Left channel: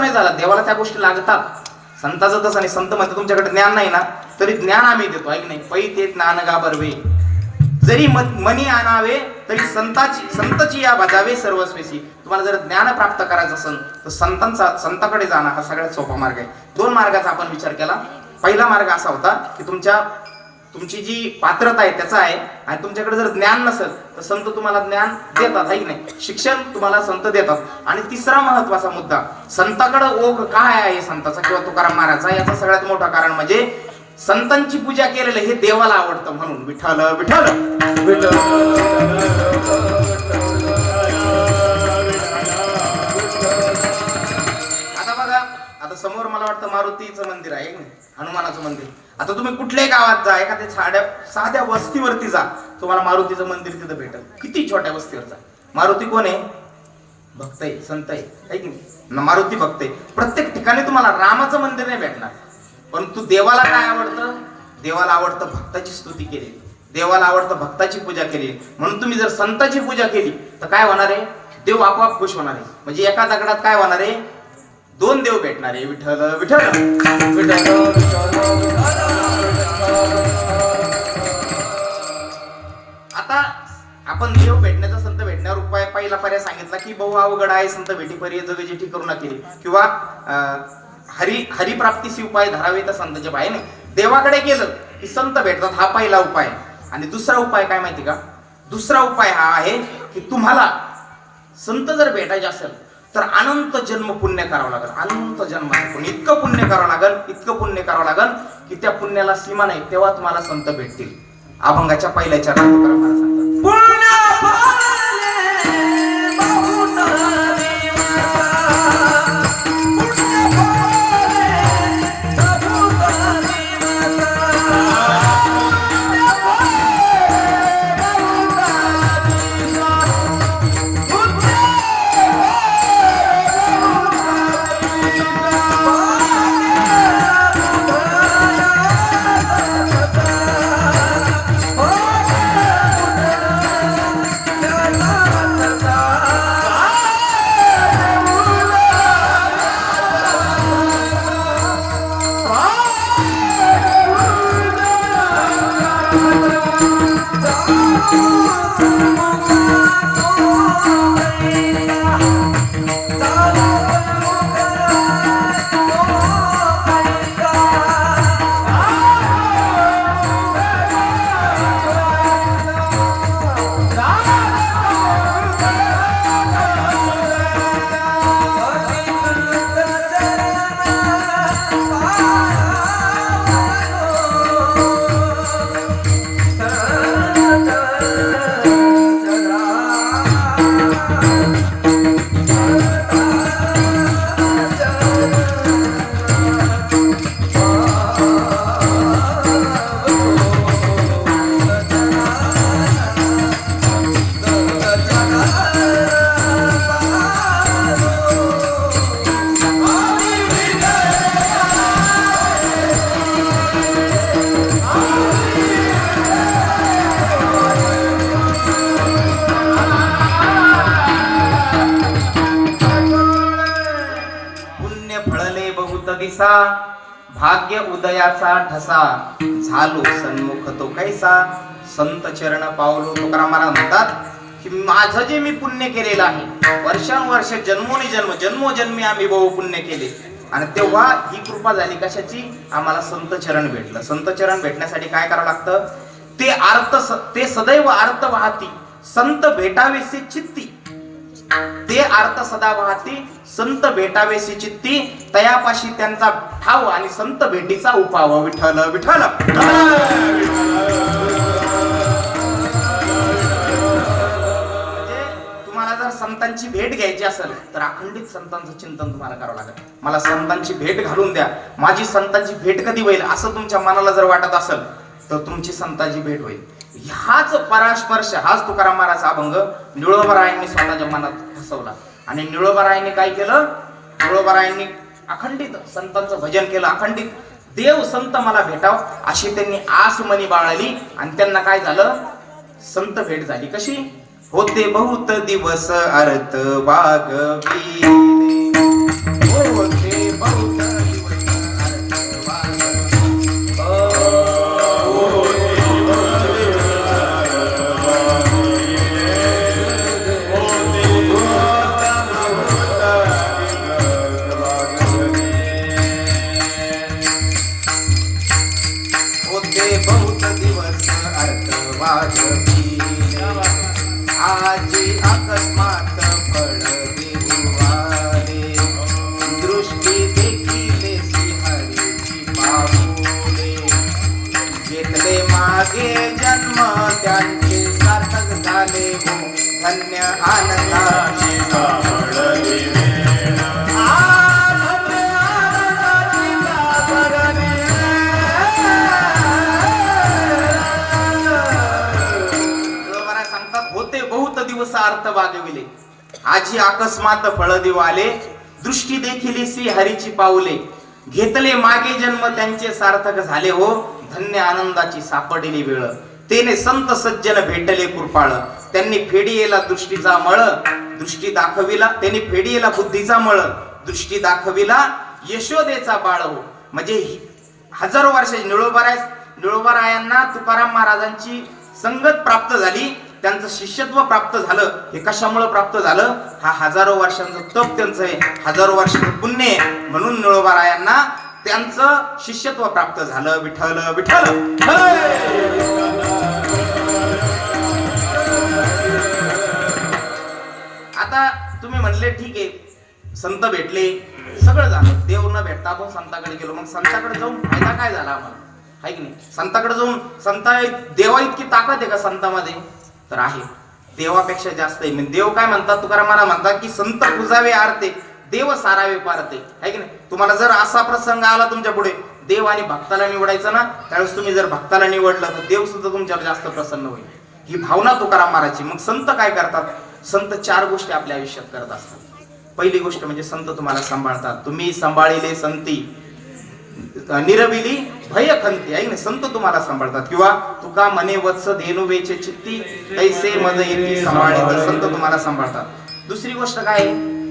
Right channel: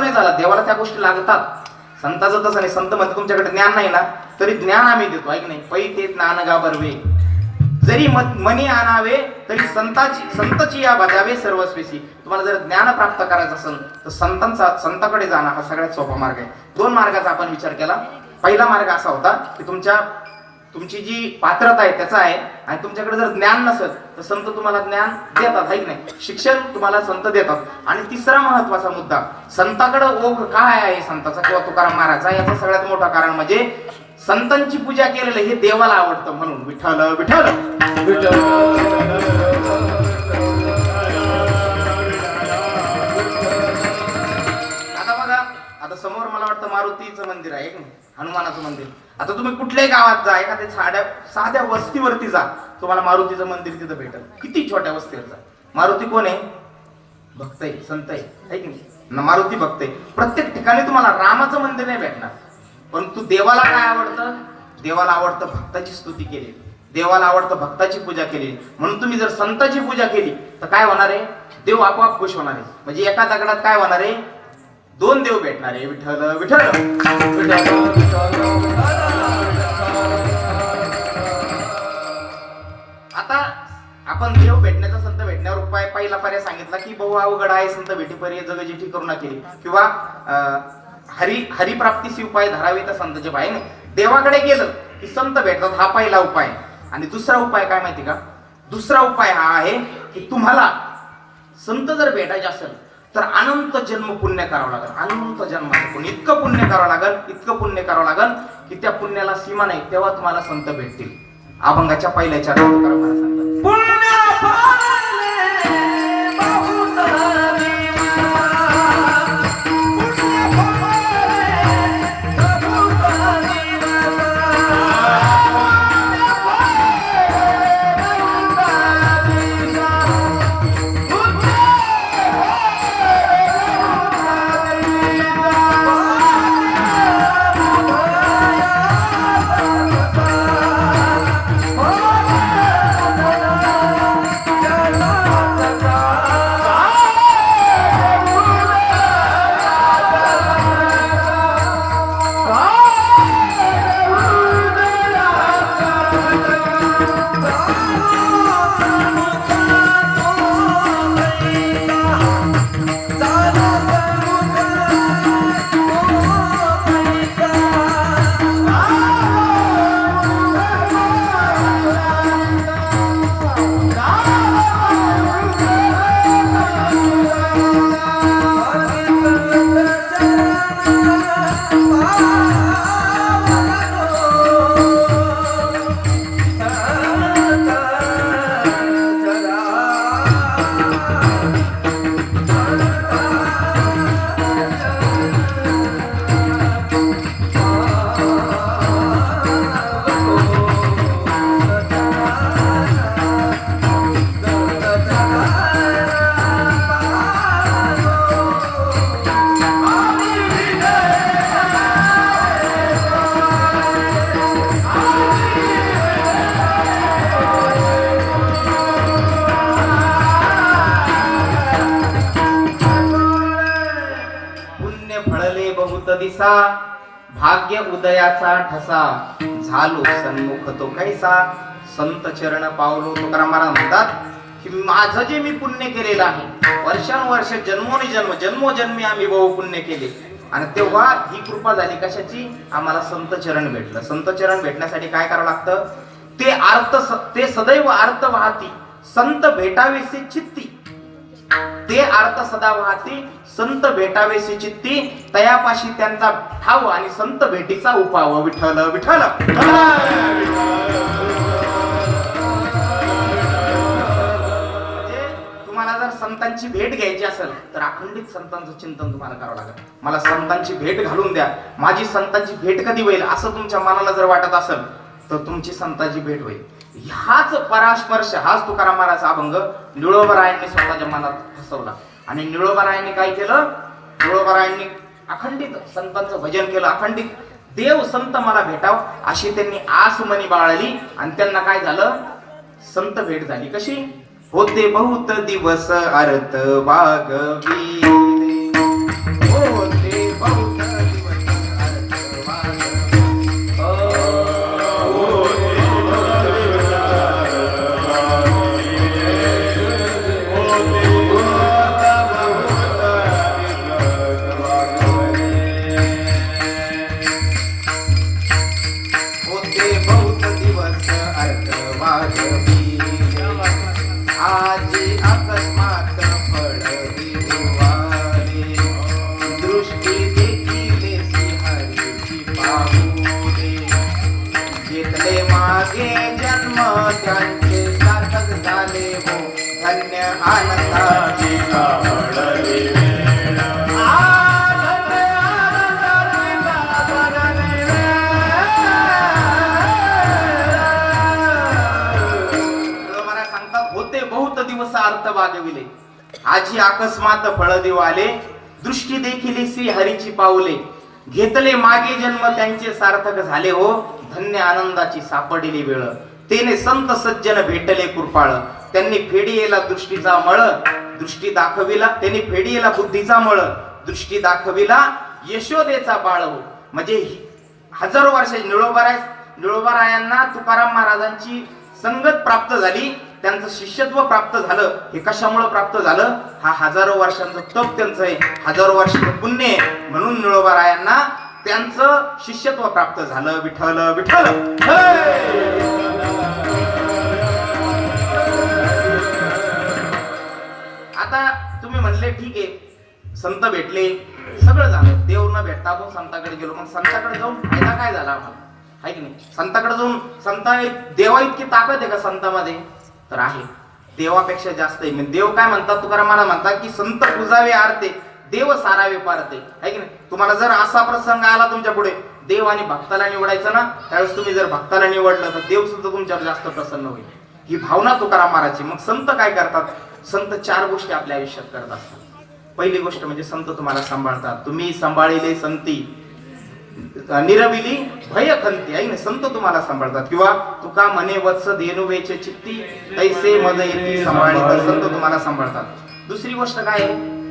नाही झाला. देवाला त्या गोष्टी लागतात. संताचं तसं नाही. संत म्हणतात तुमच्याकडे ज्ञान नाही ना. तरी ज्ञान आम्ही देतो. ऐक नाही. पै ते ज्ञान गा बरवे जरी मनी आणावे तरी संताची संतची या बजावे सर्वस्वेशी. तुम्हाला जर ज्ञान प्राप्त करायचं असेल तर संतांचा संताकडे जाणं हा सगळ्यात सोपा मार्ग आहे. दोन मार्गाचा आपण विचार केला. पहिला मार्ग असा होता की तुमच्या तुमची जी पात्रता आहे त्याचा आहे आणि तुमच्याकडे जर ज्ञान नसेल तर संत तुम्हाला ज्ञान देतात आहे की नाही? शिक्षण तुम्हाला संत देतात. आणि तिसरा महत्त्वाचा मुद्दा संताकडे ओघ काय आहे संताचा किंवा तुकाराम महाराजचा? याचं सगळ्यात मोठं कारण म्हणजे संतांची पूजा केलेलं हे देवाला आवडतं म्हणून. विठ्ठल विठ्ठल! विठ्ठल! समोर मला वाटतं मारुतीचं मंदिर आहे नाही हनुमानाचं मंदिर. आता तुम्ही कुठल्याही गावात जा एखाद्या साध्या साध्या वस्तीवरती जा तुम्हाला मारुतीचं मंदिर तिथं भेटेल. किती छोट्या वस्तीवर जा. मारुती कोण आहे? भक्त आहे संत आहे की नाही? मारुती भक्त आहे. प्रत्येक ठिकाणी तुम्हाला रामाचं मंदिर नाही भेटणार. परंतु देवाला काय आवडतं? देवाला आवडतं भक्ताची स्तुती केली. देवाला आवडतं भक्ताची पूजा केली. म्हणून तुम्ही जर संताची पूजा केली तर काय होणार आहे? देव आपोआप खुश होणार आहे. म्हणजे एका दगडात काय होणार आहे? दोन देव भेटणार. आहे विठ्ठल. विठ्ठल विठ्ठल आता आपण देव भेटण्याचा संत भेटण्यावर उपाय पहिला पर्याय सांगितला की बहु अवघड आहे संत भेटी पर्याय जग जेठी करू केली किंवा हरी हरिप्राप्तीशी उपाय धरावे तर संतचे पाय देवाकडे गेलं की संत भेटतात हा पहिला उपाय. आणि दुसरा उपाय काय माहिती का? दुसरा उपाय हा आहे की तुम्हाला संत जर भेटायचे असेल तर अनंत जन्म पुण्य करावं लागेल. अनंत जन्म. पुण्य इतकं पुण्य करावं लागेल इतकं पुण्य करावं लागेल की त्या पुण्याला सीमा नाही तेव्हा तुम्हाला संत भेटतील. अभंगाच्या पहिल्या चार पुण्य कसा भाग्य उदयाचा ठसा झालो सन्मुख तो कैसा. संत चरण पावलो तुकाराम म्हणतात की माझं जे मी पुण्य केलेलं आहे वर्षानुवर्ष जन्मोनी जन्म जन्मोजन्मी आम्ही बहु पुण्य केले. आणि तेव्हा ही कृपा झाली कशाची? आम्हाला संत चरण भेटलं. संत चरण भेटण्यासाठी काय करावं लागतं? ते अर्थ स- ते सदैव अर्थ वाहती. संत भेटावेसे चित्ती. ते अर्थ सदा वाहती संत भेटावेशी चित्ती तयापाशी त्यांचा ठाव आणि संत भेटीचा उपाव. विठ्ठल विठ्ठल! म्हणजे तुम्हाला जर संतांची भेट घ्यायची असेल तर अखंडित संतांचं चिंतन तुम्हाला करावं लागेल. मला संतांची भेट घालून द्या. माझी संतांची भेट कधी होईल असं तुमच्या मनाला जर वाटत असेल तर तुमची संताची भेट होईल. ह्याच परास्पर्श हाच तुकाराम महाराज अभंग निळोबरायांनी स्वतःच्या मनात फसवला. आणि निळोबरायांनी काय केलं? निळोबरायांनी अखंडित संतांचं भजन केलं अखंडित. देव संत मला भेटाव अशी त्यांनी आसमनी बाळली. आणि त्यांना काय झालं? संत भेट झाली. कशी? होते बहुत दिवस अर्थ वागवी आजी अकस्मात फळदेव आले. दृष्टी देखील श्री हरीची पाऊले. घेतले मागे जन्म त्यांचे सार्थक झाले हो. धन्य आनंदाची सापडली वेळ. तेने संत सज्जन भेटले कृपाळ. त्यांनी फेडियेला दृष्टीचा मळ दृष्टी दाखविला. त्यांनी फेडियेला बुद्धीचा मळ दृष्टी दाखविला. यशोदेचा बाळ हो. म्हणजे हजारो वर्ष निळोबाराय निळोबारायांना तुकाराम महाराजांची संगत प्राप्त झाली. त्यांचं शिष्यत्व प्राप्त झालं हे कशामुळे प्राप्त झालं? हा हजारो वर्षांचं तप त्यांचं आहे. हजारो वर्षाचं पुण्य आहे. म्हणून निळोबारायांना त्यांचं शिष्यत्व प्राप्त झालं. विठ्ठल विठ्ठल! आता तुम्ही म्हणले ठीक आहे संत भेटले. सगळं झालं. देव न भेटता आपण संताकडे गेलो. मग संताकडे जाऊन फायदा काय झाला आम्हाला? आहे की नाही? संताकडे जाऊन संता देवा इतकी ताकद आहे का संतामध्ये? तर आहे. देवापेक्षा जास्त आहे. म्हणजे देव काय म्हणतात? तुकाराम मला म्हणतात की संत पूजावे आरते देव सारावे पारते. आहे की नाही? तुम्हाला जर असा प्रसंग आला तुमच्यापुढे देव आणि भक्ताला निवडायचं ना त्यावेळेस तुम्ही जर भक्ताला निवडलं तर देव सुद्धा तुमच्यावर जास्त प्रसन्न होईल. ही भावना तुकाराम महाराजची. मग संत काय करतात? संत चार गोष्टी आपल्या आयुष्यात करत असतात. पहिली गोष्ट म्हणजे संत तुम्हाला सांभाळतात. तुम्ही सांभाळलेले संती. निरविली भय खंती आहे ना संत तुम्हाला सांभाळतात किंवा तुका मने वत्स धेनुवेचे चित्ती तैसे मज येती सांभाळी तर संत तुम्हाला सांभाळतात दुसरी गोष्ट काय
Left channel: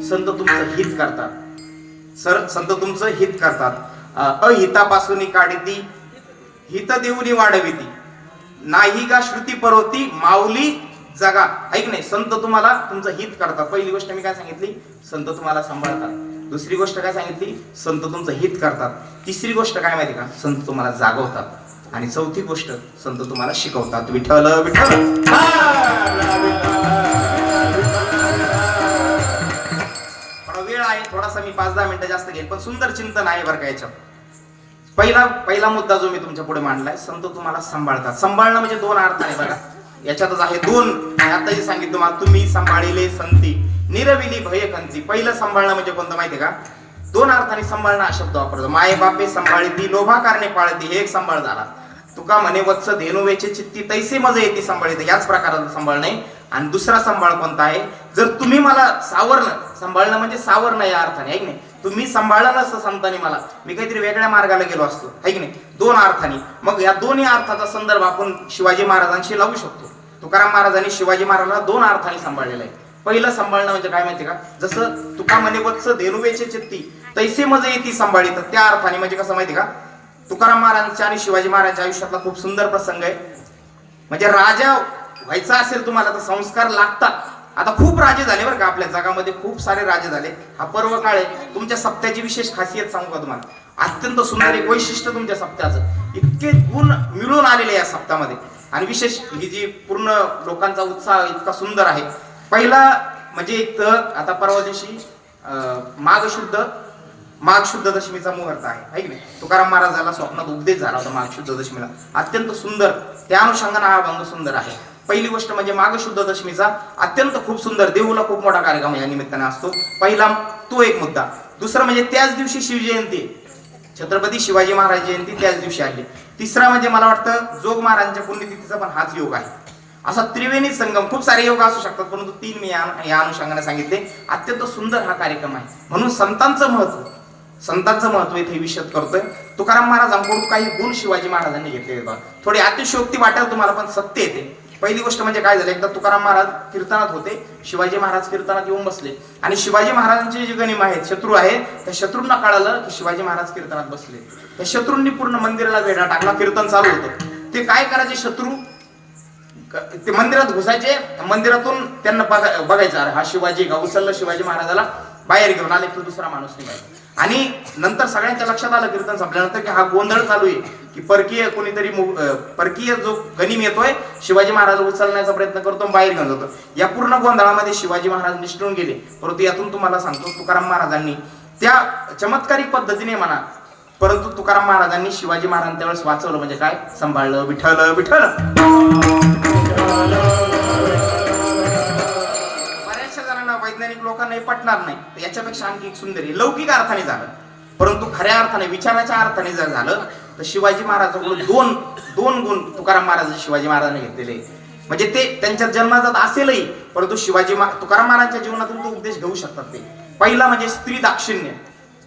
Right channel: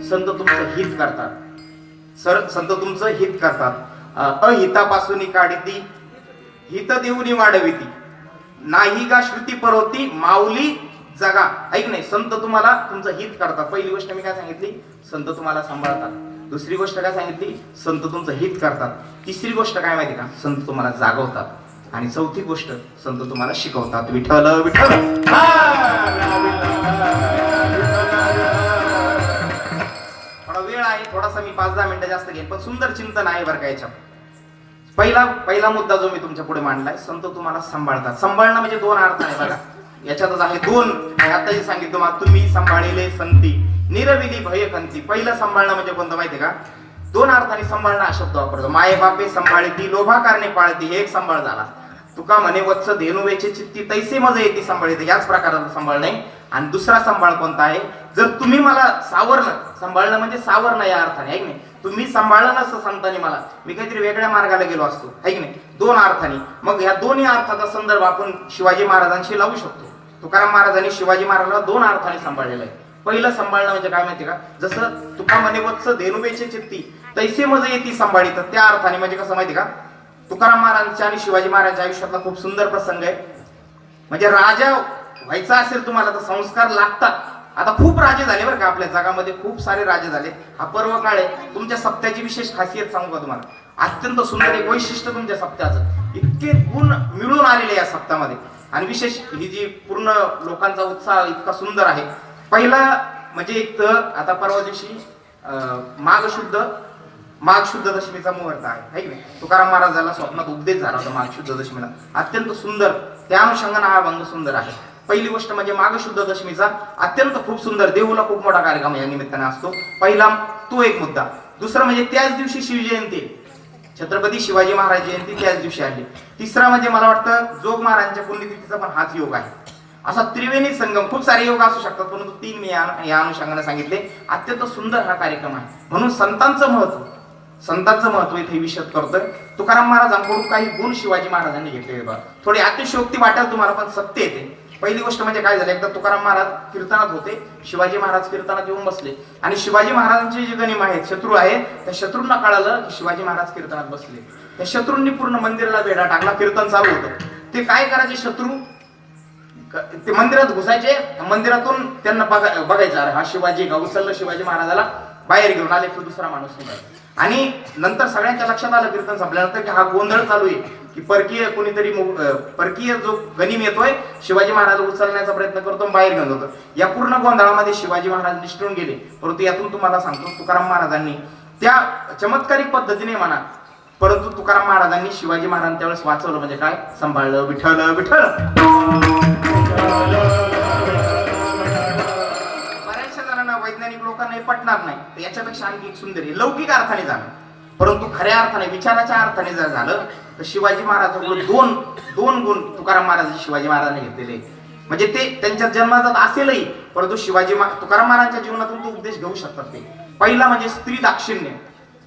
संत तुमचं हित करतात सर संत तुमचं हित करतात अ, अहितापासून काढती हित देऊनी वाढविती नाही का श्रुती परवती माऊली जगा ऐक नाही संत तुम्हाला तुमचं हित करतात पहिली गोष्ट मी काय सांगितली संत तुम्हाला सांभाळतात दुसरी गोष्ट काय सांगितली? संत तुमचं हित करतात. तिसरी गोष्ट काय माहिती का? संत तुम्हाला जागवतात. आणि चौथी गोष्ट संत तुम्हाला शिकवतात. विठ्ठल विठ्ठल! थोडा वेळ आहे थोडासा मी पाच दहा मिनिटं जास्त घेईन पण सुंदर चिंतन आहे बरं का याच्यात. पहिला पहिला मुद्दा जो मी तुमच्यापुढे मांडलाय संत तुम्हाला सांभाळतात. सांभाळणं म्हणजे दोन अर्थ आहे बघा. याच्यातच आहे दोन. आताही सांगितलं तुम्ही सांभाळलेले संती. निरविली भयकंती पहिलं सांभाळणं म्हणजे कोणतं माहितीये का? दोन अर्थाने सांभाळणं हा शब्द वापरतो. माये बापे सांभाळती लोभा कारणे पाळती. हे एक सांभाळ झाला. तुका म्हणे वत्स धेनुवेचे चित्ती तैसे मज येते सांभाळते. याच प्रकाराचा सांभाळ नाही. आणि दुसरा सांभाळ कोणता आहे? जर तुम्ही मला सावरणं सांभाळणं म्हणजे सावरणं या अर्थाने आहे की नाही? तुम्ही सांभाळलं नसतं संतांनी मला. मी काहीतरी वेगळ्या मार्गाला गेलो असतो आहे की नाही? दोन अर्थाने. मग या दोन्ही अर्थाचा संदर्भ आपण शिवाजी महाराजांशी लावू शकतो. तुकाराम महाराजांनी शिवाजी महाराजांना दोन अर्थाने सांभाळलेलं आहे. पहिलं सांभाळणं म्हणजे काय माहिती का? जसं तुका म्हणे वत्स धेनुवेचे चित्ती तैसे मज येते सांभाळी तर त्या अर्थाने म्हणजे कसं माहिती का? तुकाराम महाराजांच्या आणि शिवाजी महाराजांच्या आयुष्यातला खूप सुंदर प्रसंग आहे. म्हणजे राजा व्हायचं असेल तुम्हाला तर संस्कार लागतात. आता खूप राजे झाले बरं का आपल्या जगामध्ये खूप सारे राजे झाले. हा पर्व काळ आहे. तुमच्या सप्त्याची विशेष खासियत सांगू का तुम्हाला? अत्यंत सुंदर एक वैशिष्ट्य तुमच्या सप्त्याचं. इतके गुण मिळून आलेले या सप्त्यामध्ये. आणि विशेष ही जी पूर्ण लोकांचा उत्साह इतका सुंदर आहे पहिला म्हणजे एक तर आता परवा दिवशी माघ शुद्ध माघ शुद्ध दशमीचा मुहूर्त आहे है की नाही? तुकाराम महाराजाला स्वप्नात उपदेश झाला होता माघ शुद्ध दशमीला. अत्यंत सुंदर त्या अनुषंगाने हा भंग सुंदर आहे. पहिली गोष्ट म्हणजे माघ शुद्ध दशमीचा अत्यंत खूप सुंदर देऊला खूप मोठा कार्यक्रम या निमित्ताने असतो. पहिला तो एक मुद्दा. दुसरा म्हणजे त्याच दिवशी शिवजयंती छत्रपती शिवाजी महाराज जयंती त्याच दिवशी आली. तिसरा म्हणजे मला वाटतं जोग महाराजांच्या पुण्यतिथीचा पण हाच योग आहे. असा त्रिवेणी संगम खूप सारे योग असू शकतात परंतु तीन मी या अनुषंगाने सांगितले. अत्यंत सुंदर हा कार्यक्रम आहे. म्हणून संतांचं महत्त्व संतांचं महत्त्व इथे विषद करतोय. तुकाराम महाराजांकडून काही गुण शिवाजी महाराजांनी घेतलेले बघा. थोडी अतिशयोक्ती वाटेल तुम्हाला पण सत्य येते पहिली गोष्ट म्हणजे काय झालं? एकदा तुकाराम महाराज कीर्तनात होते. शिवाजी महाराज कीर्तनात येऊन बसले. आणि शिवाजी महाराजांचे जे गणिम आहेत शत्रू आहेत त्या शत्रूंना कळालं की शिवाजी महाराज कीर्तनात बसले. त्या शत्रूंनी पूर्ण मंदिराला वेढा टाकला. कीर्तन चालू होतं. ते काय करायचे शत्रू? ते मंदिरात घुसायचे. मंदिरातून त्यांना बघायचं अरे हा शिवाजी का? उचललं शिवाजी महाराजाला बाहेर घेऊन आले तर दुसरा माणूस नाही आणि नंतर सगळ्यांच्या लक्षात आलं कीर्तन संपल्यानंतर की हा गोंधळ चालू आहे की परकीय कोणीतरी परकीय जो गनिम येतोय शिवाजी महाराज उचलण्याचा प्रयत्न करतो बाहेर घेऊन जातो. या पूर्ण गोंधळामध्ये शिवाजी महाराज निष्ठून गेले. परंतु यातून तुम्हाला सांगतो तुकाराम महाराजांनी त्या चमत्कारिक पद्धतीने म्हणा परंतु तुकाराम महाराजांनी शिवाजी महाराज त्यावेळेस वाचवलं म्हणजे काय? सांभाळलं विठ्ठल विठ्ठल! बऱ्याचशा जणांना वैज्ञानिक लोकांना पटणार नाही. तर याच्यापेक्षा आणखी एक सुंदर लौकिक अर्थाने झालं. परंतु खऱ्या अर्थाने विचाराच्या अर्थाने जर झालं तर शिवाजी महाराजांकडून दोन दोन गुण तुकाराम महाराज शिवाजी महाराजांनी घेतलेले. म्हणजे ते त्यांच्या जन्मात असेलही परंतु शिवाजी तुकाराम महाराजांच्या जीवनातून तो उपदेश घेऊ शकतात ते. पहिला म्हणजे स्त्री दाक्षिण्य.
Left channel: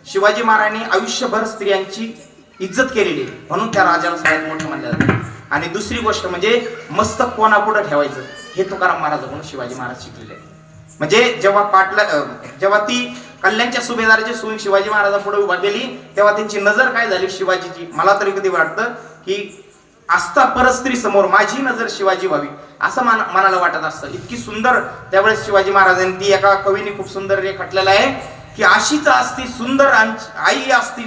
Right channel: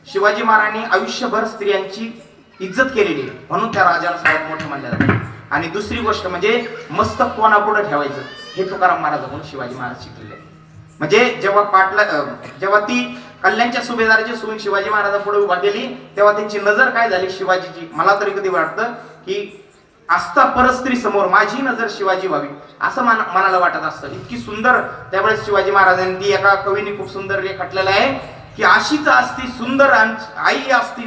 शिवाजी महाराजांनी आयुष्यभर स्त्रियांची इज्जत केलेली आहे. म्हणून त्या राजाला सगळ्यात मोठं मानल्या जातं. आणि दुसरी गोष्ट म्हणजे मस्तक कोणापुढे ठेवायचं? हे तुकाराम महाराजांकडून शिवाजी महाराज शिकलेले म्हणजे जेव्हा पाटला जेव्हा ती कल्याणच्या सुभेदाराची सून शिवाजी महाराजांपुढे उभा गेली तेव्हा त्यांची नजर काय झाली शिवाजीची? मला तरी कधी वाटतं की आस्था परस्त्री समोर माझी नजर शिवाजी व्हावी असं मन मनाला वाटत असतं. इतकी सुंदर त्यावेळेस शिवाजी महाराजांनी ती एका कवीने खूप सुंदर रेखाटलेलं आहे की अशीच असती सुंदर आई असती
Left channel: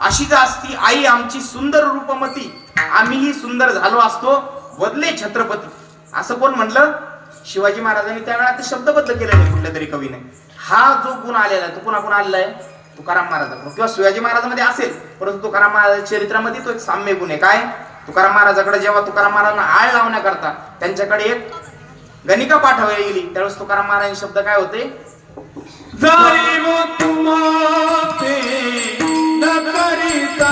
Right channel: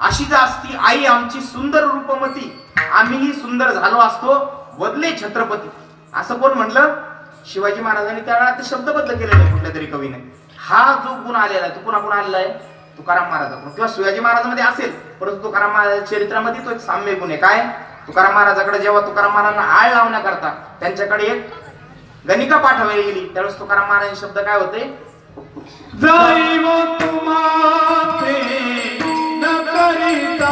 अशीच असती आई आमची सुंदर रूपमती आम्हीही सुंदर झालो असतो बदले छत्रपती. असं कोण म्हटलं? शिवाजी महाराजांनी त्या काळात ते शब्दबद्ध केलेलं आहे कुठल्या तरी कवीने. हा जो गुण आलेला आहे तो कुणाकडून आलेला आहे तुकाराम महाराजाकडून. किंवा शिवाजी महाराजांमध्ये असेल परंतु तुकाराम महाराज चरित्रामध्ये तो एक साम्य गुण आहे. काय? तुकाराम महाराजाकडे जेव्हा तुकाराम महाराजांना आळ लावण्याकरता त्यांच्याकडे एक गणिका पाठवली गेली त्यावेळेस तुकाराम महाराजांचे शब्द काय होते? जाई करिता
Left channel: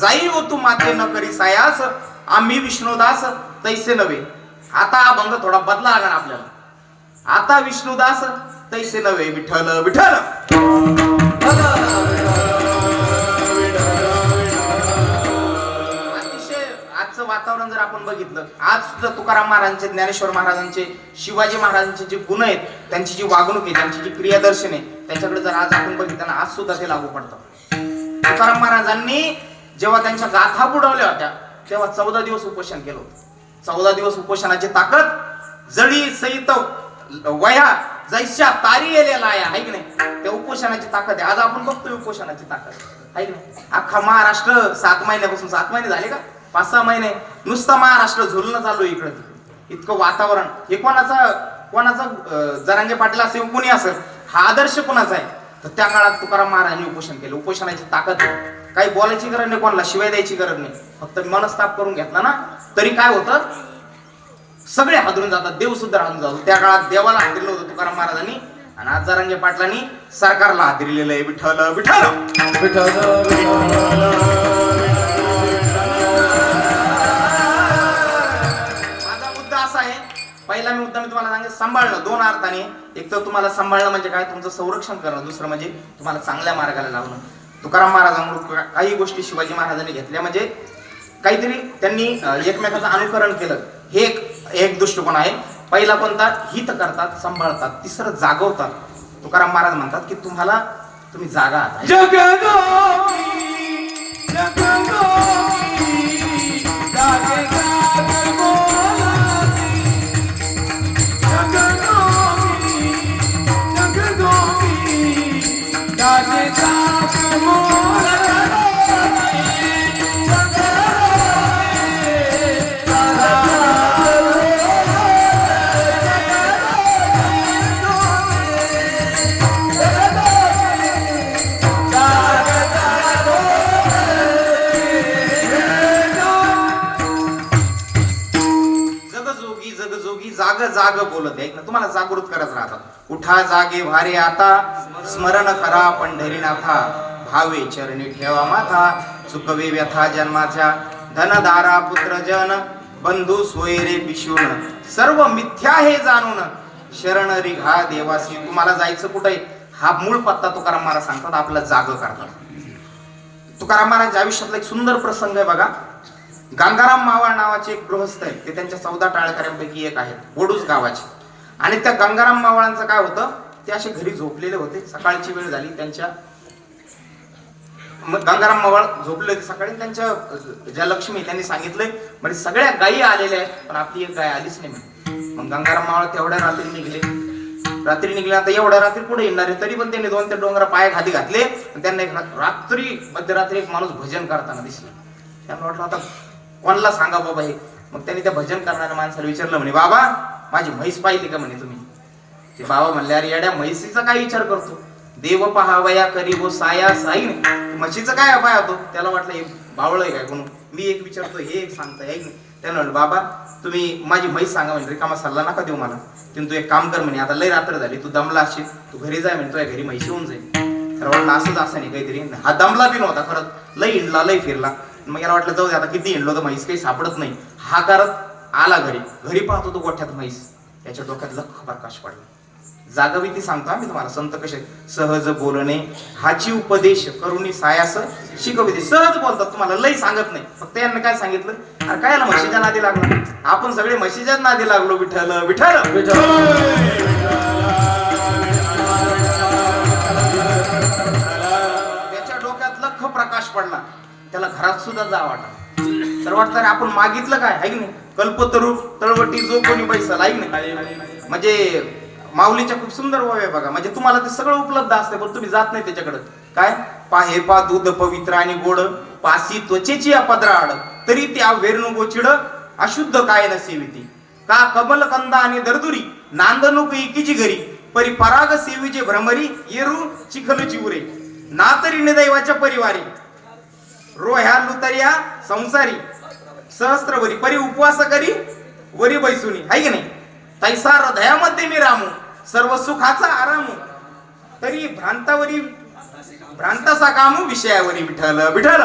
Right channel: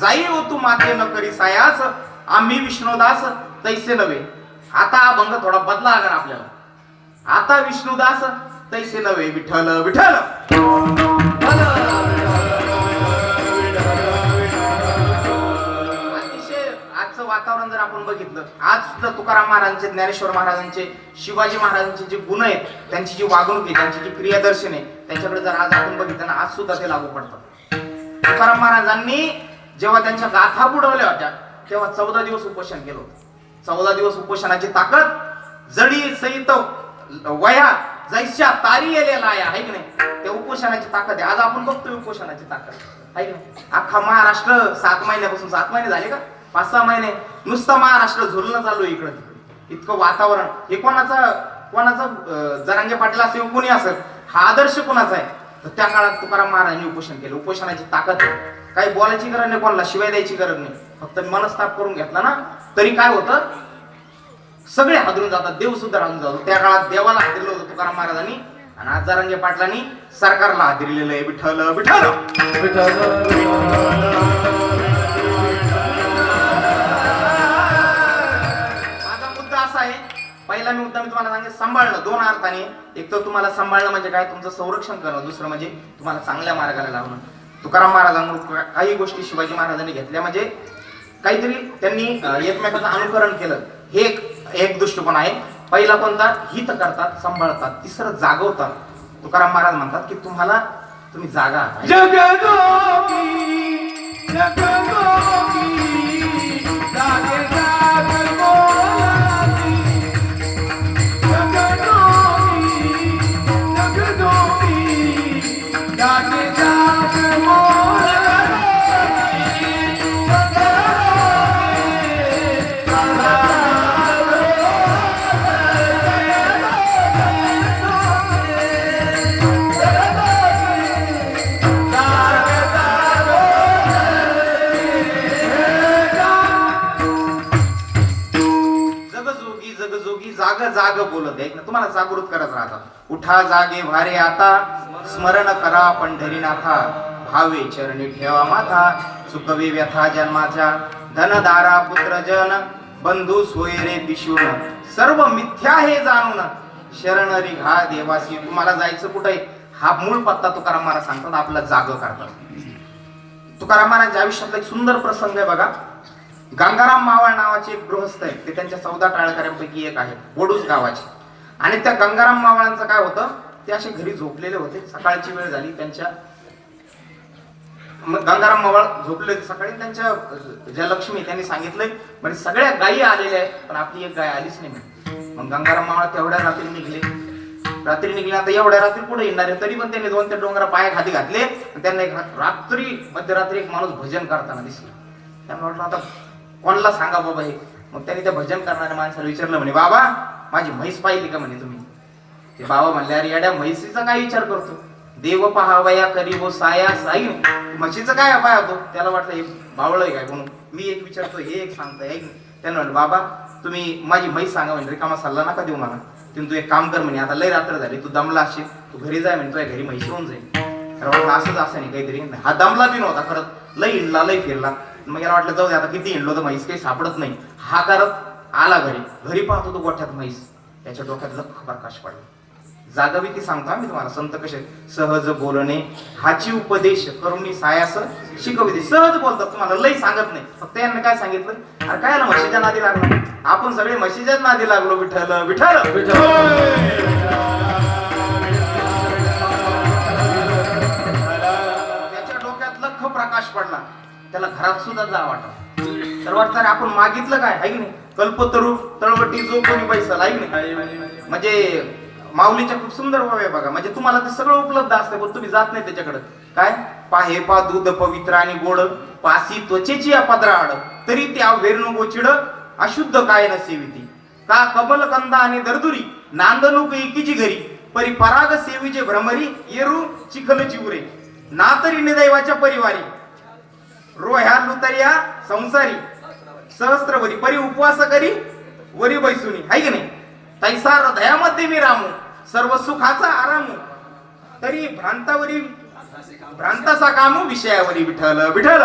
जाई हो तू माते न करी सायास. आम्ही विष्णुदास तैसे नव्हे. आता हा भंग थोडा बदला लागणार आपल्याला. आता विष्णुदास तैसे नव्हे. विठ्ठल विठ्ठल! अतिशय आजचं वातावरण जर आपण बघितलं आज सुद्धा तुकाराम महाराजांचे ज्ञानेश्वर महाराजांचे शिवाजी महाराजांचे जे गुण आहेत त्यांची जी वागणूक आहे त्यांची जी क्रियादर्शन आहे त्याच्याकडे जर आज आपण बघितलं आज सुद्धा ते लागू पडतात. तुकाराम महाराजांनी जेव्हा त्यांच्या गाथा बुडवल्या होत्या तेव्हा चौदा दिवस उपोषण केलं होतं. चौदा दिवस उपोषणाची ताकद जडी सहित वया जैश्या तारी येलेला आहे की नाही? त्या उपोषणाची ताकद आहे. आज आपण बघतोय उपोषणाची ताकद. आहे की नाही? अख्खा महाराष्ट्र सात महिन्यापासून सात महिने झाले का? पाच सहा महिने. नुसतं महाराष्ट्र झुलणं चालू इकडं. इतकं वातावरण. हे कोणाचा कोणाचा जरांगे पाटील असेल कुणी असेल हा आदर्श कोणाचा आहे? तर त्या काळात तुकाराम महाराजांनी उपोषण केलं. उपोषणाची ताकद. आहे. काही बोलायची गरज नाही कोणाला शिवाय द्यायची गरज नाही. फक्त मनस्ताप करून घेतला ना तरी काय होतं? सगळे हादरून जातात देव सुद्धा हादरून जातो. त्या काळात देवाला हादरलं होतं तुकाराम महाराजांनी आणि आज जरांगे पाटलांनी सरकारला हादरलेलं आहे. विठ्ठल विठ्ठल! माझा मुद्दा असा आहे पहिला मी मुद्दा मी तुम्हाला सांगेन सांभाळणं. दोन अर्थाने. एक तर तुम्हाला सांभाळणं म्हणजे काय? तुमचं संरक्षण करणं. दुसरं म्हणजे तुम्हाला चांगल्या मार्गाला लावणं. तुकाराम महाराजांकडून काही गोष्टी शिवाजी महाराजांनी घेतल्या. म्हणजे काहीतरी त्यांनी एकमेकाचं अनुकरण केलं. हे एक एक दृष्टिकोन आहे. पहिला कोणता? हित करतात सांभाळतात. तिसरं जागवतात. तुकाराम महाराज म्हणतात की तुम्हाला तुम्ही जागा जाग बोलत आहे. ना तुम्हाला जागृत करत राहतात उठा जागे भारे आता स्मरण करा पंढरीनाथा. भावे चरणी ठेवा माथा. सुखवे व्यथा जन्माच्या. धनदारा पुत्र जन बंधू सोयरे पिशून. सर्व मिथ्या हे जाणून. शरण रिघा देवासी. तुम्हाला जायचं कुठे? हा मूळ पत्ता तुकाराम महाराज सांगतात आपला जाग करतात. तुकाराम महाराजांच्या आयुष्यातला एक सुंदर प्रसंग आहे बघा. गंगाराम मावळ नावाचे एक गृहस्थ आहेत. ते त्यांच्या चौदा टाळकऱ्यांपैकी एक आहेत. बोडूस गावाचे. आणि त्या गंगाराम मावळांचं काय होतं? ते असे घरी झोपलेले होते. सकाळची वेळ झाली. त्यांच्या मग गंगाराम मावाळ झोपले होते सकाळी. त्यांच्या जयलक्ष्मी ज्या लक्ष्मी त्यांनी सांगितलंय म्हणजे सगळ्या गायी आलेल्या आहेत पण आपली एक गाय आलीच नाही मग गंगाराम मावाळ तेवढ्या रात्री निघले. रात्री निघले. आता एवढ्या रात्री पुढे येणार आहे? तरी पण त्यांनी दोन ते डोंगरा पाय खाली घातले. त्यांना एक रात्री मध्यरात्री एक माणूस भजन करताना दिसला. त्यांना वाटलं आता कोणाला सांगा बाबा हे? मग त्याने त्या भजन करणाऱ्या माणसाला विचारलं म्हणे बाबा माझी म्हैस पाहिली का? म्हणे तुम्ही. ते बाबा म्हणले अरे येड्या म्हैसीचा काय विचार करतो? देव पहावया करी वो साया साई म्हशीचं काय पाहतो त्याला वाटलं हे बावळ आहे काय म्हणून? मी एक विचारतो हे एक सांगतो ऐक त्याला म्हणलं बाबा तुम्ही माझी म्हैस सांगा म्हणजे रिकामा सल्ला नका देऊ मला. तिने तू एक काम कर म्हणे आता लय रात्र झाली तू दमला असशील तू घरी जाय म्हणे तुझ्या घरी म्हैशी होऊन जाईल त्याला असंच असं नाही काहीतरी. हा दमला बी नव्हता खरंच. लय हिंडला लय फिरला. मग याला वाटलं जाऊ दे आता किती हिंडलो तर म्हैस काही सापडत नाही. हा करत आला घरी. घरी पाहतो तो गोठ्यात म्हैस. त्याच्या डोक्यात लख प्रकाश पडला. जागवी ती सांगतो मी तुम्हाला संत कसे सहज बोलणे हाची उपदेश करुणी सायास शिकविते. सहज बोलतात तुम्हाला लई सांगत नाही. फक्त यांना काय सांगितलं? अरे काय म्हशीच्या नादी लागलो? आपण सगळे म्हशीच्याच नादी लागलो विठ्ठल विठ्ठल. त्याच्या डोक्यात लख प्रकाश पडला. त्याला घरात सुद्धा जा वाटत तर वाटतं आपण मागितलं काय? आहे की नाही? कल्पतरू तळवटी जो कोणी पैसा आहे की नाही? म्हणजे माऊलीच्या खूप सुंदर ओव्या आहे बघा. म्हणजे तुम्हाला ते सगळं उपलब्ध असतं पण तुम्ही जात नाही त्याच्याकडे. काय? पाहे पा दूध पवित्र आणि गोड पासी त्वचेची या पदराड तरी त्या वेरणू गोचिड अशुद्ध काय न सेविती का कमल कंदा आणि दरदुरी नांदणूक एकीची घरी? परी पराग सेवीचे भ्रमरी येरू चिखल चिवरे. ना तरी निदैवाच्या परिवारी. रोह्या लुतरिया संसारी सहस्त्रवरी परी उपवास करी वरी बैसुनी आहे की नाही? तैसा हृदयामध्ये मी रामू सर्व सुखाचा आरामू. तरी भ्रांतावरी भ्रांताचा कामू विषयावरी विठल विठल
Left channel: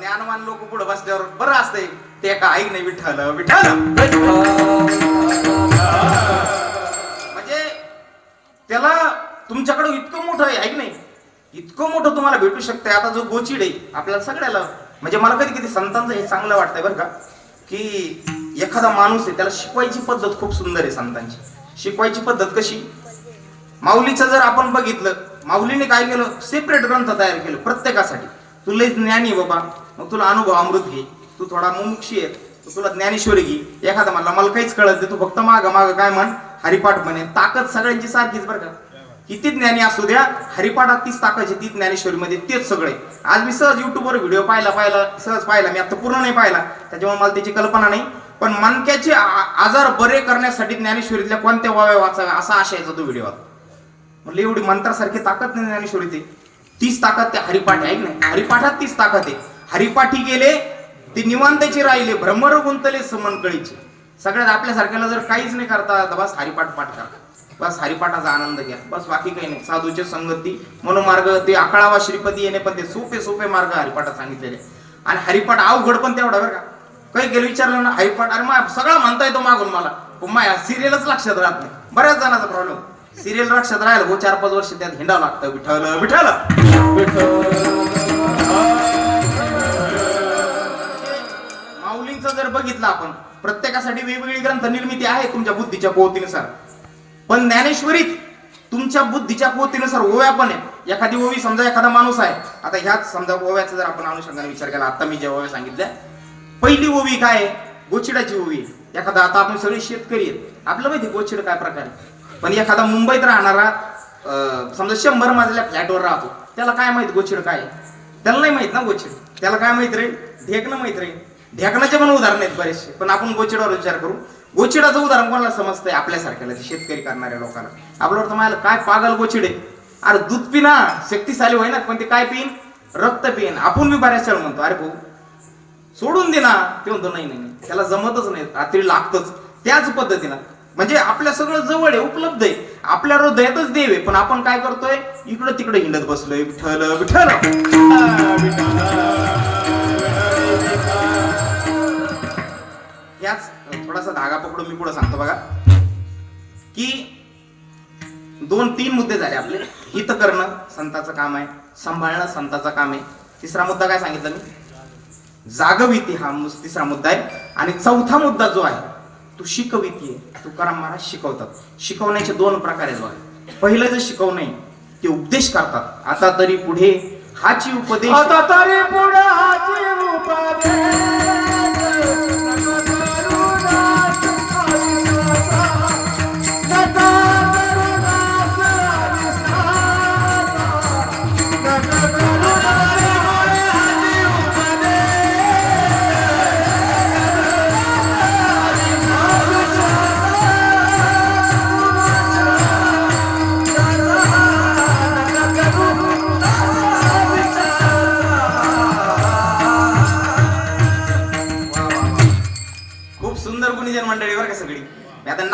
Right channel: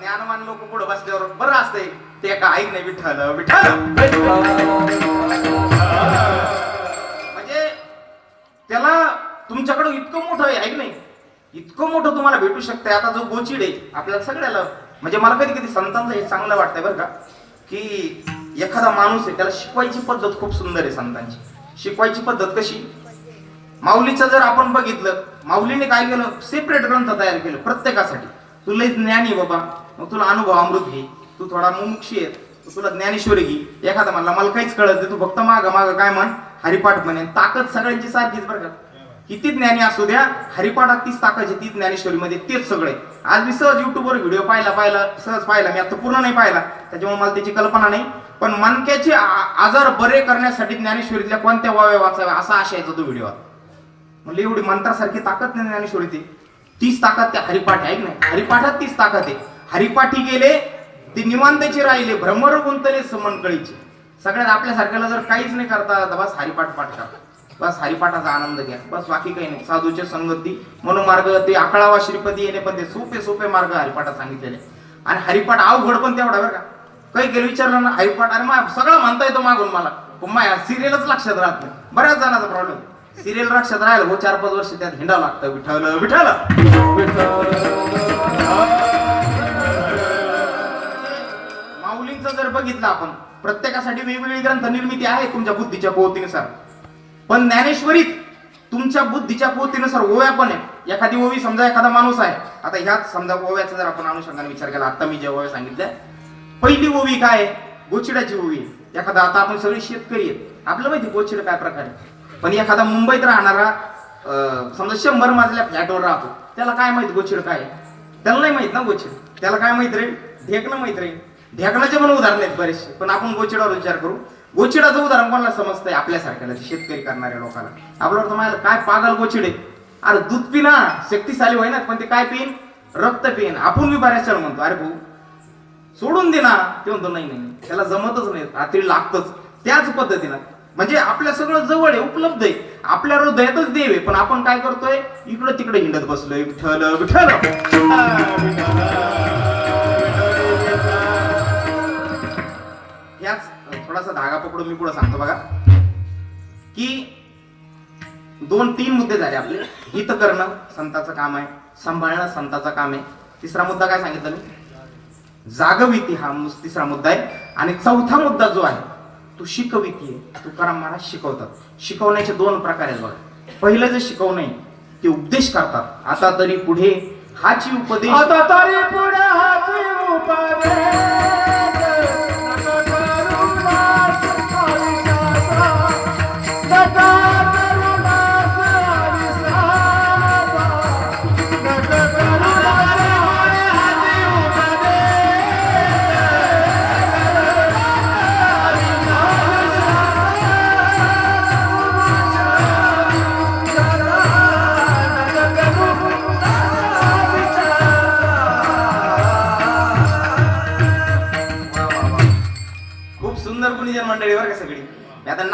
ज्ञानवान लोक पुढे बसल्यावर बरं असतंय. ते का ऐक नाही? विठ्ठल विठ्ठल! त्याला तुमच्याकडे इतकं मोठं आहे ऐक नाही? इतकं मोठं तुम्हाला भेटू शकतंय. आता जो गोचिड आहे आपल्याला सगळ्याला म्हणजे मला कधी कधी संतांचं हे चांगलं वाटतंय बरं का की एखादा माणूस आहे त्याला शिकवायची पद्धत खूप सुंदर आहे संतांची. शिकवायची पद्धत कशी? माऊलीचं जर आपण बघितलं माऊलीने काय केलं? सेपरेट ग्रंथ तयार केलं प्रत्येकासाठी. तुला लय ज्ञानी बाबा मग तुला अनुभव अमृत घे तू थोडा मुमुक्षी आहे तुला ज्ञानेश्वरी घे. एखादा म्हणला मला काहीच कळत नाही तू फक्त माग माग काय म्हण? हरिपाठ म्हणे. ताकद सगळ्यांची सारखीच बरं का. किती ज्ञानी असू द्या हरिपाठात तीच ताकद आहे ती ज्ञानेश्वरीमध्ये तेच सगळे आज मी सहज युट्यूबवर व्हिडिओ पाहिला पाहिला सहज पाहिला मी आता पूर्ण नाही पाहिला. त्याच्यामुळे मला त्याची कल्पना नाही. पण मनक्याचे आजार बरे करण्यासाठी ज्ञानेश्वरीतल्या कोणत्या वाव्या वाचाव्या असा आशयाचा तो व्हिडिओ म्हणले एवढी मंत्रासारखी ताकद नाही ज्ञानेश्वरी ते तीच ताकद त्या हरिपाठ आहे ऐक नाही हरिपाठात तीच ताकद आहे. हरिपाठी गेले ते निवांताचे राहिले भ्रमर गुंतले समनकळीचे सगळ्यात आपल्यासारख्याला जर काहीच नाही करता तर बस हरिपाठ पाठ करा बस हरिपाठाचा आनंद घ्या. बस बाकी काही नाही. साधूचे संगती मनोमार्ग ते आकळावा श्रीपती येणे पण ते सोपे सोपे मार्ग हरिपाठात सांगितलेले. आणि हरिपाठ अवघड पण तेवढा बरं का. काही गेलं विचारलं ना हरिपाठ अरे मा सगळं म्हणता येतो मागून मला. पण माया सिरियलच लक्षात राहत नाही. बऱ्याच जणांचा प्रॉब्लेम सिरियल लक्षात राहिलं हो चार पाच वर्ष त्यात हिंडावं लागतं. विठ्ठल! विठ्ठल! माऊलींचं जर बघितलं आपण प्रत्येकासाठी वेगवेगळी ग्रंथ निर्मिती आहे तुमच्या बुद्धीच्या पोहोतीनुसार पण ज्ञानेश्वरीत तुमच्या बुद्धीच्या पोहोतीनुसार ओव्या पण आहे एखादी ओवी समजा एखादा माणूस आहे. आता ह्याच समजा ओव्याचा जर आपण अनुषंगाने विचार केला आता मी ज्या ओव्या सांगितल्या पहिली ओवी काय आहे? गोचिडाची ओवी एखादा आता आपण सगळे शेतकरी आहेत. आपलं माहिती गोचिड काय प्रकार आहे. पण एखादा मुंबईत राहणारा समजा शंभर मजल्या फ्लॅटवर राहतो. त्याला काय माहीत गोचिड काय त्याला नाही माहीत ना गोचिड. त्याला काय माहीत रे? ढेकणं माहीत रे? ढेकणाचे पण उदाहरण आहेत बरेचसे. पण आपण गोचिडावर विचार करू. गोचिडाचं उदाहरण कोणाला समजतंय? आपल्यासारख्याला शेतकरी करणाऱ्या लोकांना. आपल्यावर तुम्हाला काय पागल गोचिडे अरे दूध पिना शक्तिशाली होईना पण ते काय पिन? रक्त पिन. आपण मी बऱ्याच वेळा म्हणतो अरे भाऊ सोडून दे ना. ते म्हणतो नाही नाही नाही. त्याला जमतच नाही. रात्री लागतच. त्याच पद्धतीनं. म्हणजे आपल्या सगळं जवळ आहे उपलब्ध आहे. आपल्या हृदयातच देव आहे. पण आपण काय करतोय? इकडं तिकडे हिंडत बसलोय. विठ्ठल विठ्ठल थोडासा धागा पकडून मी पुढे सांगतो बघा. की दोन तीन मुद्दे झाले आपले. हित करणं संताचं काम आहे. सांभाळणं संताचं काम आहे. तिसरा मुद्दा काय सांगितलं मी? जागविती हा तिसरा मुद्दा आहे. आणि चौथा मुद्दा जो आहे तू शिकविती तुकाराम महाराज शिकवतात. शिकवण्याचे दोन प्रकार आहेत बघा. पहिलं जे शिकवणे ते उपदेश करतात. आता तरी पुढे हाची उपदेश आता तरी पुढे हाची उपदेश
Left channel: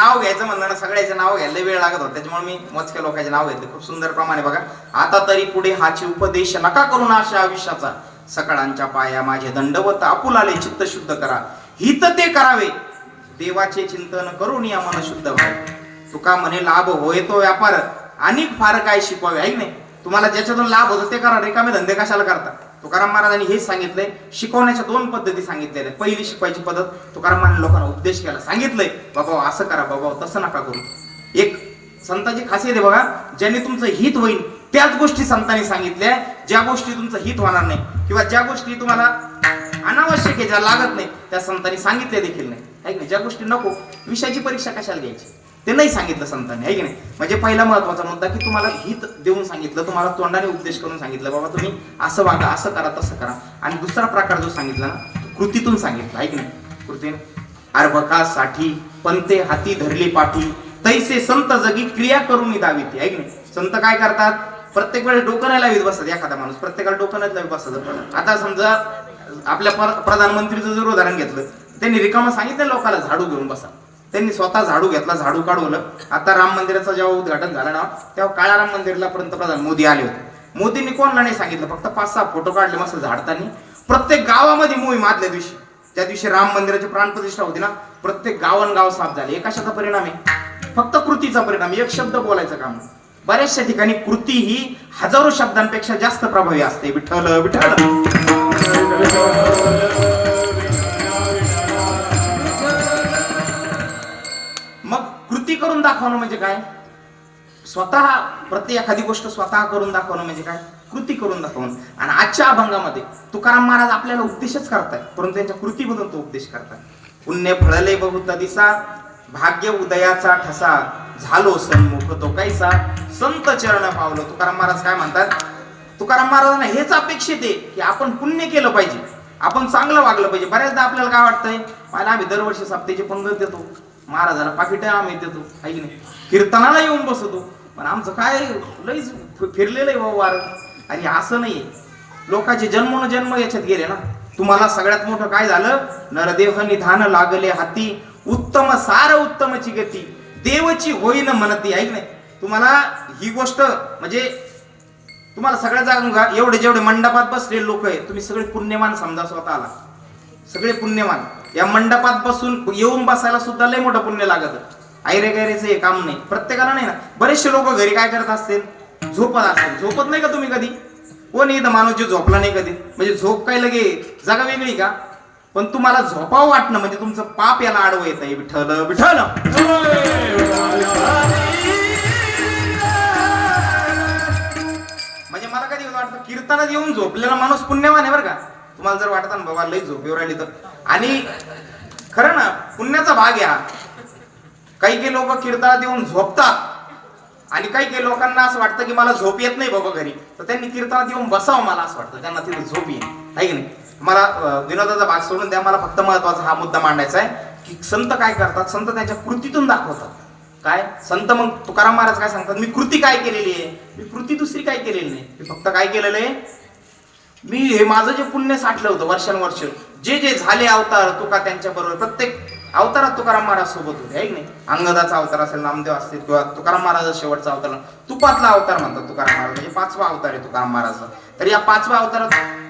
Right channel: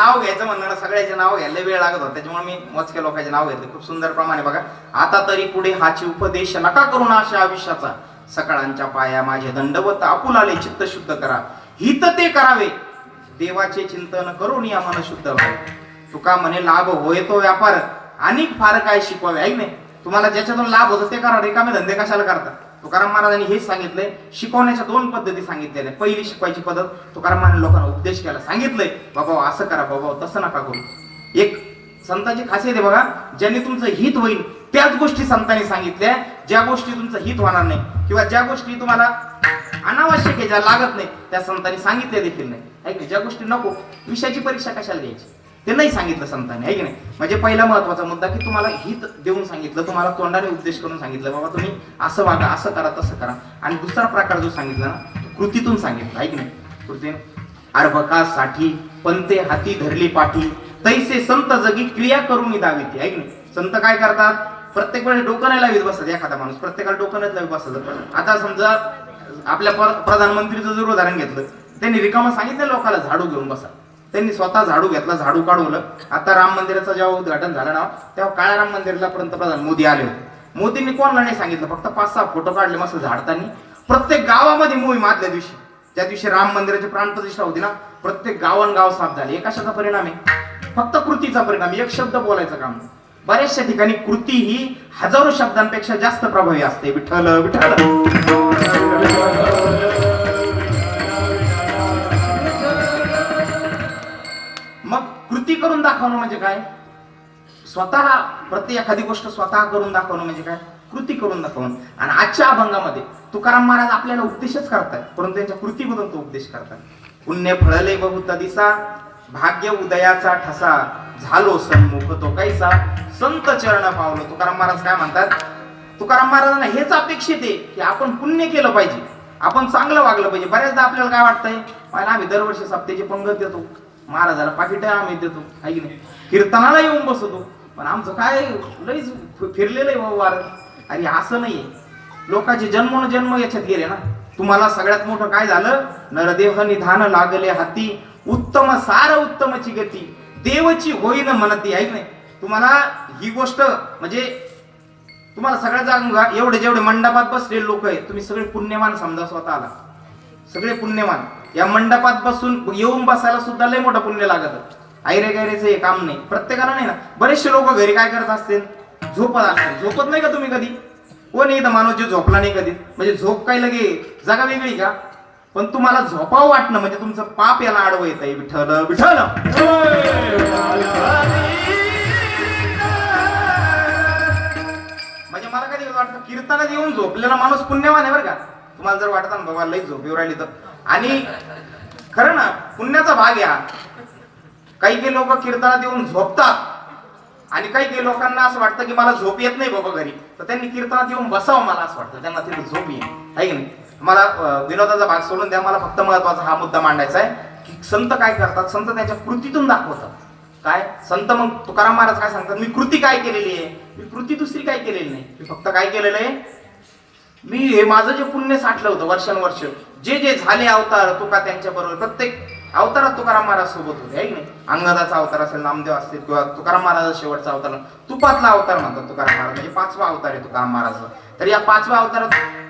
नाव घ्यायचं म्हणणं सगळ्याचे नाव घ्यायला वेळ लागत होता. त्याच्यामुळे मी मोजक्या लोकांचे नाव घेतले. खूप सुंदर प्रमाणे बघा. आता तरी पुढे हाची उपदेश नका करू ना अशा आयुष्याचा. सकाळांच्या पाया माझे दंडवत आपुलाले चित्त शुद्ध करा. हित ते करावे. देवाचे चिंतन करून या मन शुद्ध व्हावे तुका म्हणे लाभ होय तो व्यापार अनेक फार काय शिकवावे ऐक नाही तुम्हाला ज्याच्यातून लाभ होतो ते करा. रिकामे धंदे कशाला करता? तुकाराम महाराजांनी हेच सांगितलंय शिकवण्याच्या दोन पद्धती सांगितलेल्या आहेत. पहिली शिकवायची पद्धत तुकाराम महाराज लोकांना उपदेश केला सांगितलंय बाबा असं करा बाबा तसं नका करू एक संतांची खासियत आहे बघा ज्याने तुमचं हित होईल त्याच गोष्टी संतांनी सांगितल्या ज्या गोष्टी तुमचं हित होणार नाही किंवा ज्या गोष्टी तुम्हाला अनावश्यक आहे ज्या लागत नाही त्या संतांनी सांगितले देखील नाही नाही? ज्या गोष्टी नको विषयाची परीक्षा कशाला घ्यायची ते नाही सांगितलं संतांनी आहे की नाही? म्हणजे पहिला महत्त्वाचा मुद्दा की तुम्हाला हित देऊन सांगितलं तुम्हाला तोंडाने उपदेश करून सांगितलं बाबा तुम्ही असं वागा असं करा तसं करा. आणि दुसरा प्रकार जो सांगितला ना कृतीतून सांगितलं आहे की नाही? कृतीने अर्भकासाठी पंते हाती धरली पाठी तैसे संत जगी क्रिया करून दावी ती आहे की नाही? संत काय करतात? प्रत्येक वेळेस डोकं नाही लावीत बसत एखादा माणूस प्रत्येकाला डोकं नाही लावित बसत. आता समजा आपल्या प्रधानमंत्रीचं जर उदाहरण घेतलं त्यांनी रिकामा सांगितलं लोकांना झाडू घेऊन बसा. त्यांनी स्वतः झाडू घेतला झाडू काढवलं. आता राम मंदिराचं जेव्हा उद्घाटन झालं ना तेव्हा काळा राम मंदिरला पंतप्रधान मोदी आले होते. मोदींनी कोणाला नाही सांगितलं फक्त पाच सहा फोटो काढले मस्त झाडतानी. प्रत्येक गावामध्ये मोहीम आदल्या दिवशी. त्या दिवशी राम मंदिराची प्राणप्रतिष्ठा होती ना प्रत्येक गावन गाव साफ झाले. हे कशाचा परिणाम आहे? फक्त कृतीचा परिणाम एक शब्द बोलायचं काम बऱ्याचशा ठिकाणी कृती ही हजारो शब्दांपेक्षा जास्त प्रभावी असते. विठ्ठल विठ्ठल. करून दाखवणं म्हणजे काय? स्वतः प्रत्येक एखादी गोष्ट स्वतः करून दाखवणं म्हणजे काय? कृती करून दाखवणं. आणि आजच्या अभंगामध्ये तुकाराम महाराज आपल्याला उपदेशच करतात परंतु त्यांच्या कृतीमधून तो उपदेश करतात पुण्य फळले बहुत दिसा भाग्य उदयाचा ठसा झालो सन्मुख तो कैसा संत चरण पावलं. तुकाराम महाराज काय म्हणतात? तुकाराम महाराजांना हेच अपेक्षित आहे की आपण पुण्य केलं पाहिजे. आपण चांगलं वागलं पाहिजे. बऱ्याचदा आपल्याला काय वाटतंय? मला आम्ही दरवर्षी सप्तेची पंगत देतो. महाराजाला पाकिट आम्ही देतो. आहे की नाही? कीर्तनाला येऊन बसतो. पण आमचं काय लईच फिरलेलं आहे बाबा वार. अरे असं नाहीये. लोकांचे जन्म जन्म याच्यात गेले ना. तुम्हाला सगळ्यात मोठं काय झालं? नरदेह निधान लागले हाती. उत्तम सार उत्तमची गती. देवची होईन म्हणती ऐक नाही? तुम्हाला ही गोष्ट म्हणजे तुम्हाला सगळ्या जागा एवढे जेवढे मंडपात बसलेले लोक आहे तुम्ही सगळे पुण्यवान समजा स्वतःला. सगळे पुण्यवान. या मंडपात बसून येऊन बसायला सुद्धा लय मोठं पुण्य लागत. आयरे गैरेचं हे काम नाही. प्रत्येकाला नाही ना बरेचसे लोक घरी काय करत असतील? झोपत असतील. झोपत नाही का तुम्ही कधी? कोण इथं माणूस जे झोपला नाही कधी? म्हणजे झोप काय लगे जागा वेगळी का? पण तुम्हाला झोपावं वाटणं म्हणजे तुमचं पाप याला आडवं येत. आहे विठ्ठल विठ्ठल! म्हणजे मला कधी वाटतं कीर्तनात येऊन झोपलेला माणूस पुण्यवान आहे बरं का? तुम्हाला जर वाटत ना बाबा लई झोप येऊ राहिली तर. आणि खरं ना पुण्याचा भाग या काही काही लोक कीर्तनात येऊन झोपतात. आणि काही काही लोकांना असं वाटतं की मला झोप येत नाही बाबा घरी. तर त्यांनी कीर्तनात येऊन बसावं मला असं वाटतं. त्यांना तिथे झोप येईल. आहे की नाही? मला विनोदाचा भाग सोडून द्या. मला फक्त महत्त्वाचा हा मुद्दा मांडायचा आहे की संत काय करतात? संत त्यांच्या कृतीतून दाखवतात. काय? संत मग तुकाराम महाराज काय सांगतात? मी कृती काय केलेली आहे? मी कृती दुसरी काय केलेली नाही? मी फक्त काय केलेलं आहे? मी हे माझं जे पुण्य साठलं होतं वर्षानुवर्ष जे जे झाले अवतार तुका त्यांच्या बरोबर प्रत्येक अवतारात तुकाराम महाराज सोबत होते आहे की नाही? अंगदाचा अवतार असेल नामदेव असतील किंवा तुकाराम महाराज शेवटचा अवतार तुपातला अवतार म्हणतात तुकाराम महाराज म्हणजे पाचवा अवतार आहे तुकाराम महाराज तर या पाचव्या अवतारात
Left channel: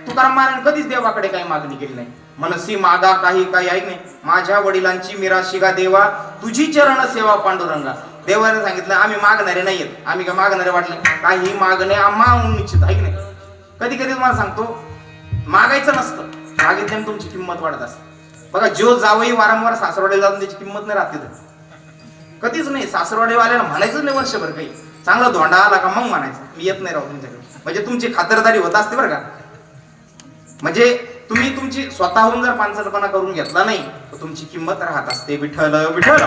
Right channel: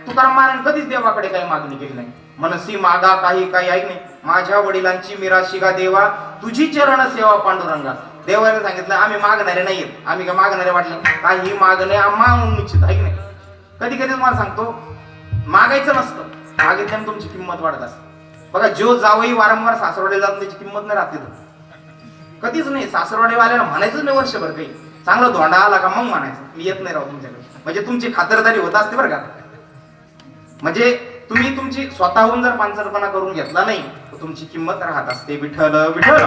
तुकाराम महाराज कधीच देवाकडे काही मागणी केली नाही. मनसी मागा काही काही ऐक नाही. माझ्या वडिलांची मिराशिगा देवा तुझी चरण सेवा पांडुरंगा. देवाने सांगितलं आम्ही मागणारे नाहीयेत. आम्ही काय मागणारे वाटले? काही मागणे आम्हा निश्चित ऐक नाही? कधी कधी तुम्हाला सांगतो मागायचं नसतं. मागितल्याने तुमची किंमत वाढत असते. बघा जो जावई वारंवार सासरवाडीला जाऊन त्याची किंमत नाही राहते तर. कधीच नाही. सासरवाडीवाल्याला म्हणायचं नाही वर्षभर काही. चांगला धोंडा आला का मग म्हणायचं. मी येत नाही राहू तुमच्याकडे. म्हणजे तुमची खातरदारी होत असते बरं का. म्हणजे तुम्ही तुमची स्वतःहून जर पानसरपणा करून घेतला नाही तर तुमची किंमत राहत असते. विठ्ठल विठ्ठल.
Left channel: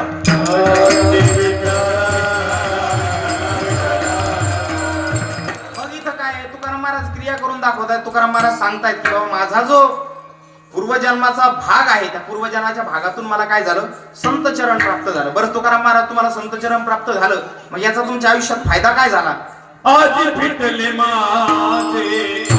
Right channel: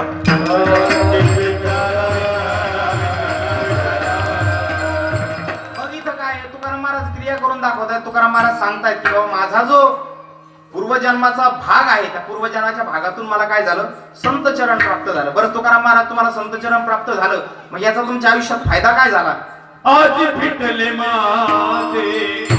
महाराज क्रिया करून दाखवतात तुकाराम महाराज सांगतायत की बाबा माझा जो पूर्वजन्माचा भाग आहे त्या पूर्वजन्माच्या भागातून मला काय झालं? संत चरण प्राप्त झालं. बरं तुकाराम महाराज तुम्हाला संत चरण प्राप्त झालं. मग याचा तुमच्या आयुष्यात फायदा काय झाला? आज माझे